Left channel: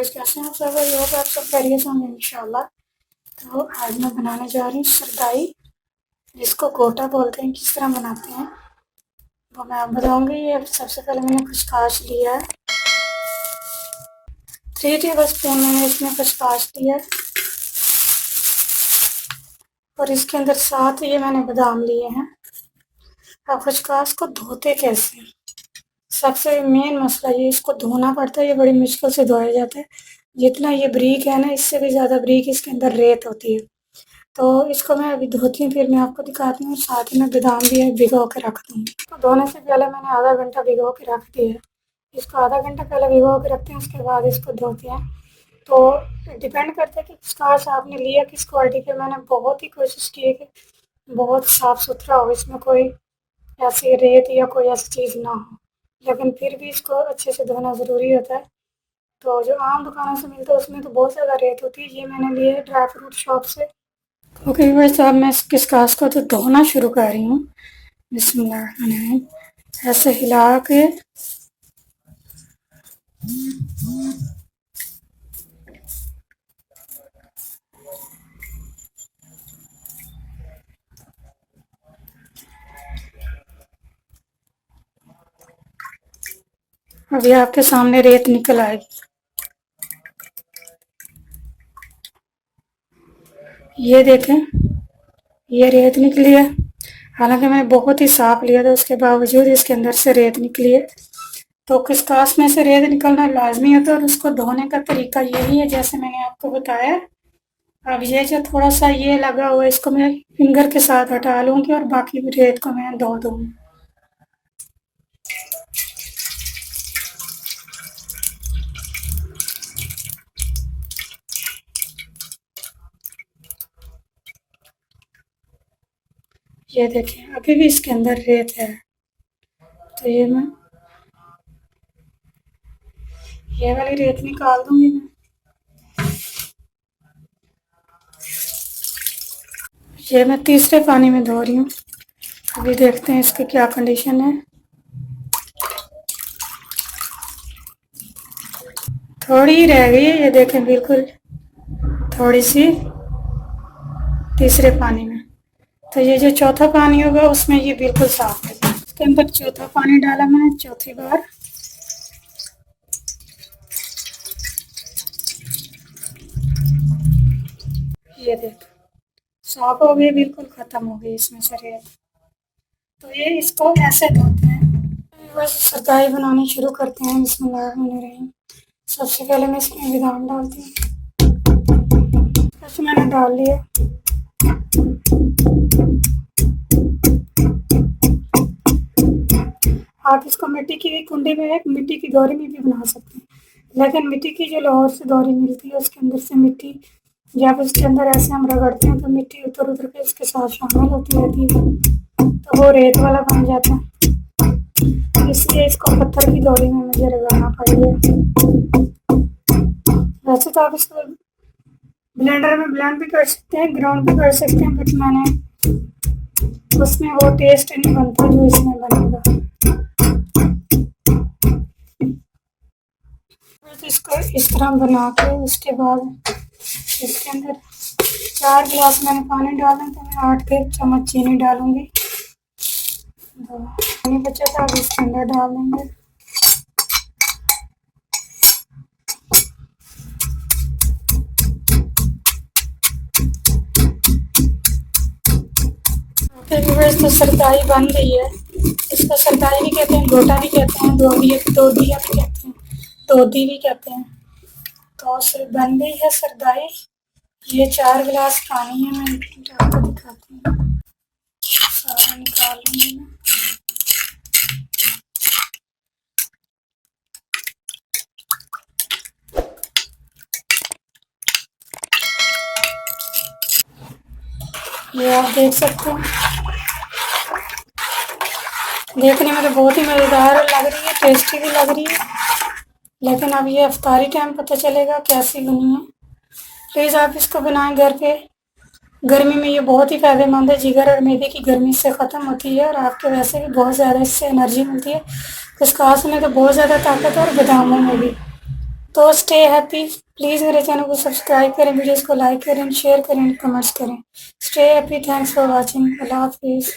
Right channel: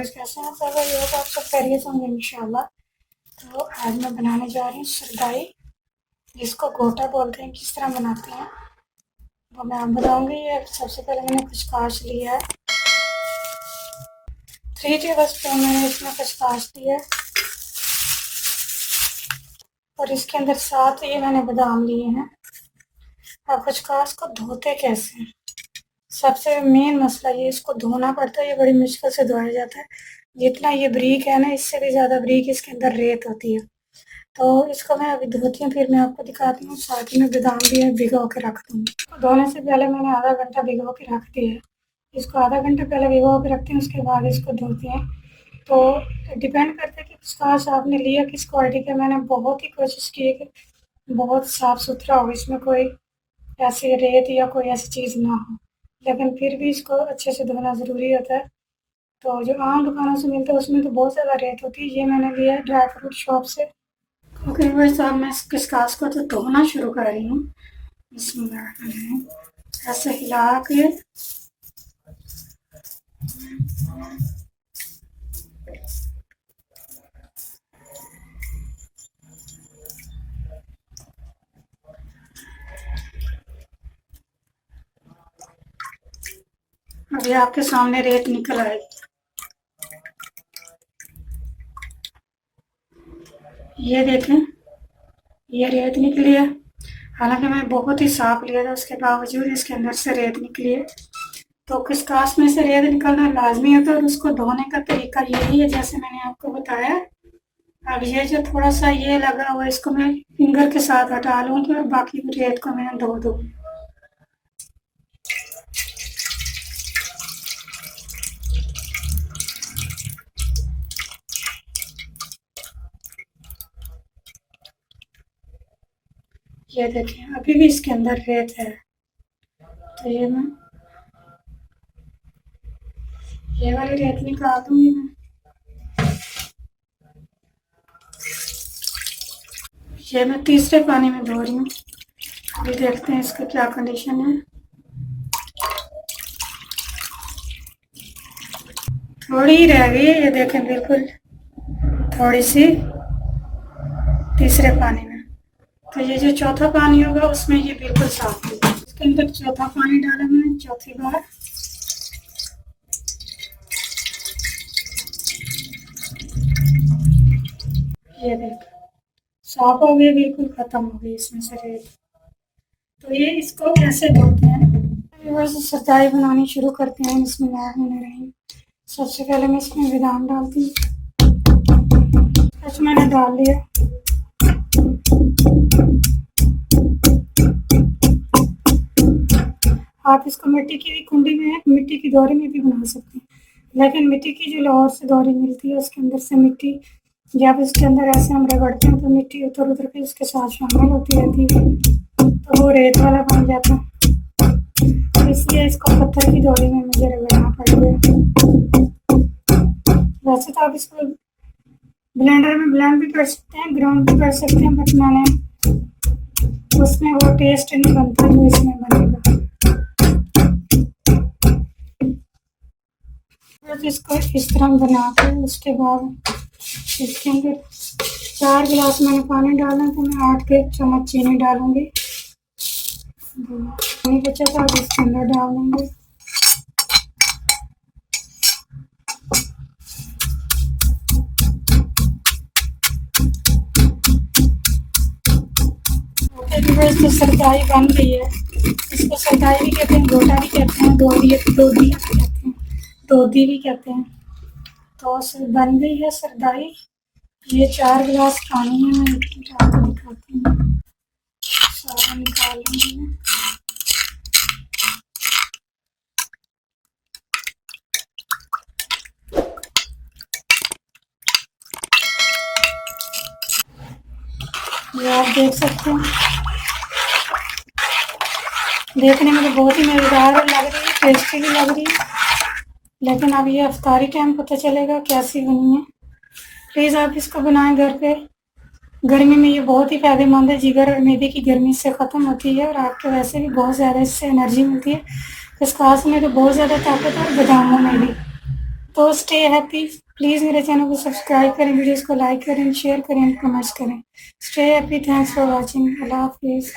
Viewers, कैसे हैं आप सब? व्यूअर्स, आप सब खैरियत होंगे इंशाल्लाह। तो आज मैं बनाने जा रही हूँ सरदाई, जिसको गोटा बोलते हैं। किस तरह बनाते हैं वो मैं आपको बताऊँगी। ये सबसे पहले मैंने खसखस लिया है, 3 टेबल स्पून मैंने इसमें खसखस लिया है, और इसके अंदर 7 ये मैंने बादाम लिए हैं। अब खसखस को धोते कैसे हैं, सबसे मेन मसला ये, इसको धोना पड़ता है। ये बड़ी मुश्किल से धोया जाता है। जितना ये बारीक है ना, इससे भी ज़्यादा बारीक इसके अंदर रेत होती है। तो इसको मैं अभी धोती हूँ, फिर मैं आपको दिखाती हूँ। साथ ही में बादाम भी है, भिगो के रख दूँगी। तो धोने से पहले मैंने आधा घंटा भिगो के रख दिया है। इसको आधा घंटा पहले भिगो के रखते हैं, उसके बाद इसको धोते हैं। तो डिपेंड करता है कि खसखस आपने लिया किस क्वालिटी का। मैंने बहुत ही कोशिश की है कि बहुत साफ़ सुथरा हो, इसमें कोई ऐसी रेत या कोई ऐसी चीज़ ना हो, लेकिन फिर भी इसको अच्छे से धोना ज़रूरी होता है। तो जो आम दुकानों से मिलता है उसमें तो बहुत ज़्यादा रेत होती है। ये मैंने लिया है ड्राई फ्रूट शॉप से। ओके व्यूअर्स, अब मैं इस कास को तो धोना शुरू कर रही हूँ। बिस्मिल्लाह, ऐसे हिला के अभी आपके सामने रेत निकल आएगी। ये देखें, ये रेत निकली है। हालांकि मैं बहुत ही साफ लिया था, उसके बावजूद इसके अंदर से रेत निकली है। तो खसखस में से रेत निकलना लाजमी होता है, और उसको धोने का तरीका यही है जैसे मैंने आपको बताया। अब ये जो थोड़ा सा ये लगा हुआ है, इसको मैं फिंगर के साथ हटा लूँगी, और बाकी रेत को मैं धो दूँगी। ये देखिए, अभी भी इसके अंदर रेत है। तो ये वाली रेत निकाल दूंगी मैं। ये मैं तीसरे पानी में धो रही हूँ। अभी देखते हैं इसकी क्या कंडीशन है। थोड़ी रह गई है, ये देखें, बिल्कुल थोड़ी सी तीसरे पानी में। तो ये जो चौथा पानी होगा उसमें ये बिल्कुल साफ है। इसके अंदर चौथा पानी डाला मैंने, चौथी बार। ये देख, साफ हो गई, बिल्कुल खत्म हो गई इसमें से रेत। तो ये इसको ऐसे धोते हैं। बस सरदाई बनानी शुरू करते हैं। बिस्मिल्लाहिर्रहमानिर्रहीम। सबसे पहले मैं इसमें बादाम डालती हूँ। ऐसे मैंने डाल लिया। आप इसको मिट्टी की भी कुंडी में, मिट्टी की दौरी में भी बना सकते हैं, लेकिन मिट्टी की जो लाहौर से दौरी मिलती है उसके अंदर से मिट्टी, जब इसके अंदर ऐसे हम रगड़ते हैं तो मिट्टी उतर उतर के इसके साथ शामिल होती रहती है, तो वो रेत वाला बन जाता है। इसलिए इसको पत्थर की दौरी में मुझे रगड़ना पड़ेगा। वैसे तो आप इसको ब्लेंडर में ब्लेंड भी कर सकते हैं, ग्राउंड भी कर सकते हैं, बट मैंने उसमें वो टेस्ट नहीं बनता जो इसमें बनेगा। इसको इस तरह बना के उसके बाद इसके अंदर 4 गिलास मैंने पानी डाला, तो मैं 8 के चम्मच चीनी डालूंगी। पानी बचा था, अब इसके अंदर डाल देंगे। ओके व्यूअर्स, तो सरदाई बन गई है। इसको सरदाई भी कहते हैं, गोटा भी कहते हैं, दोदिया भी कहते हैं, दोधी भी कहते हैं। तो बन गई है सरदाई। ये 4 गिलास पानी है, मैं आपको दिखाती हूँ। सारा निकाल लूँगी मैं। ये आप देख सकते हैं, देखने में तो बहुत ही मज़ेदार लग रही है, टेस्टी भी लग रही है, लेकिन अब ये इफ्तारी टाइम पता चलेगा कैसी बनी है। प्लीज़ आप इसको बनाएं घर पे। गर्मी में ये बहुत ही फ़ायदेमंद है, जिगर और मैदे की गर्मी से ख़त्म होती है, और आपके वैसे भी बहुत ज़्यादा इससे एनर्जी मिलती है। खसखस में तो बहुत ज़्यादा ताकत है, और बादामों में भी। तो स्टे हैप्पी। प्लीज़ मेरे चैनल को सब्सक्राइब करें, वीडियोज़ को लाइक करें, शेयर करें, कमेंट्स करें। Stay happy, thanks for watching. अल्लाह हाफिज़।